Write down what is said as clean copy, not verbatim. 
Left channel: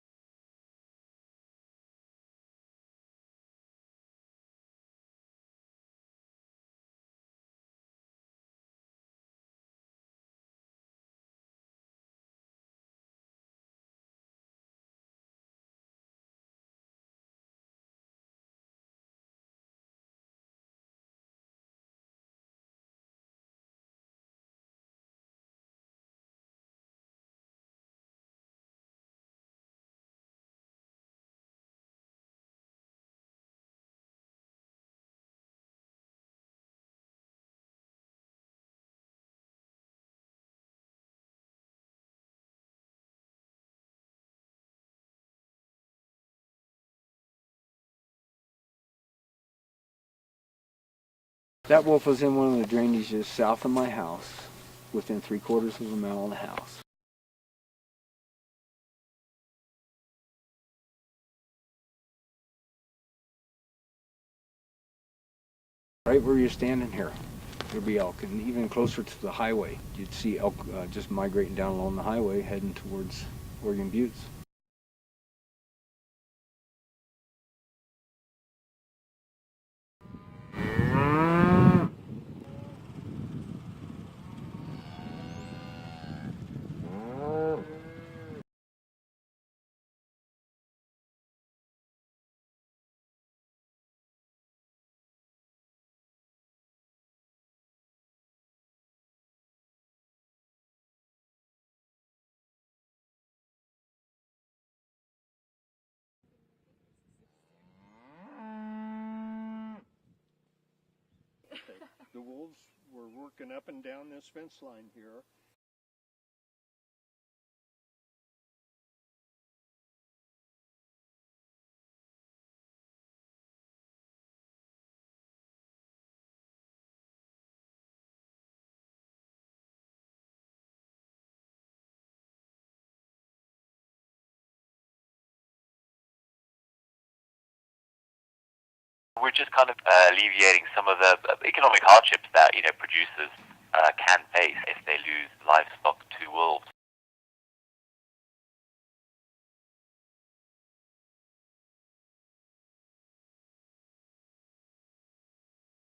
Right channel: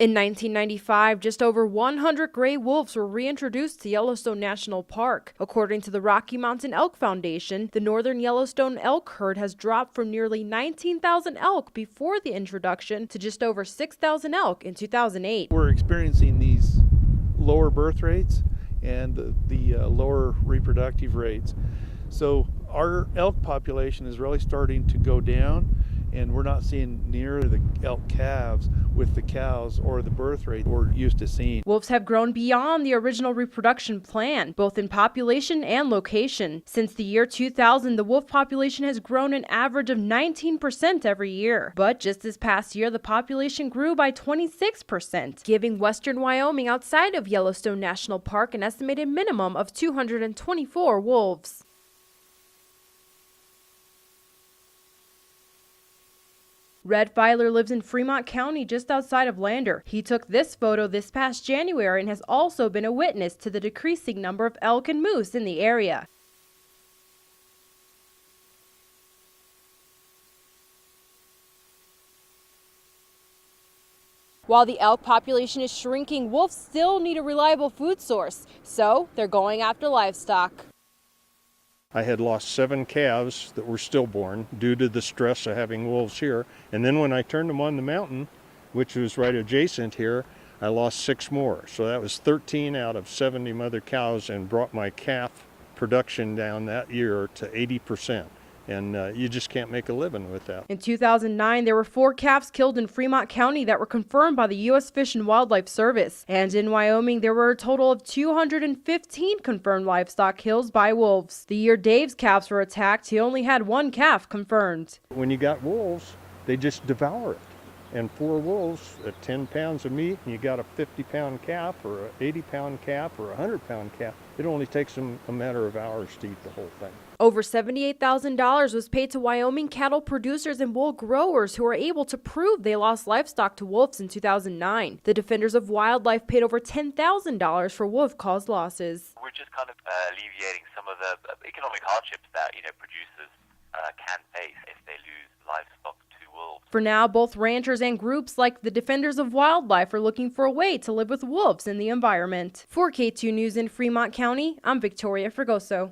In 1995, just over 100 gray wolves were reintroduced to Yellowstone National Park. According to the Rocky Mountain Elk Foundation, the northern Yellowstone elk herd has dropped from nearly 19,000 elk before the introduction to just over 6,000 elk in 2008. We're experiencing these lower birth rates and the lower reproductive rates. So our elk population is really starting to go down, and we're not seeing near the elk calves with the cows or the birth rate we're used to seeing. Wolves have grown beyond the original reproduction plan, both in population and location. Since the year 2000, the wolf population has grown an average of 19% every year. But just this past year, the population grew by 26%, giving western Wyoming outside of Yellowstone National Park an estimated minimum of 224 wolves. That wolf was in one of the drainages south of my house, within 3/4 of a mile of the house. Red Filer lives in Fremont County, just outside of Lander. He took this photo this past January and has also been a witness to the decreasing number of elk and moose in the area. Right where you're standing here, there'd be elk, and even closer to the highway, you'd see elk just migrating down along the highway, heading towards Oregon Buttes. While the elk population is shrinking, wolves still need a reliable food source, so they're going after livestock. I had lost 7 calves that were stillborn due to the stress of having wolves here. And then when I turned them on the mountain, which was right adjacent here, I lost 6 more. So that was 13 out of 70 mother cows and brought my calf production down that year to 80%. And you just can't make a living with that. In 2009, there were 4 calves killed in Fremont County that were confirmed by the U.S. Fish and Wildlife Service. And in Wyoming, there were a total of 215 confirmed livestock kills by wolves. The year Dave's calves were attacked, he only had 1 calf confirmed. When you got wolves, they just devour it. And 4 wolves at 10 pounds of meat, and you got a 50-pound calf or an 80-pound calf or a 100-pound calf, it only takes them a matter of hours to eat the whole thing. Over $78,000 was paid to Wyoming cattle producers and wool growers who were able to prove they lost livestock to wolves in 2009. The Defenders of Wildlife paid over $10,000 for wolf-caused losses. We're just kind of alleviating some of the economic hardships that producers can face if they lose livestock to wolves. For now, both ranchers and groups like the Defenders of Wildlife are looking for a way to live with wolves in the environment. For K2 News in Fremont County, I'm Victoria Fregoso.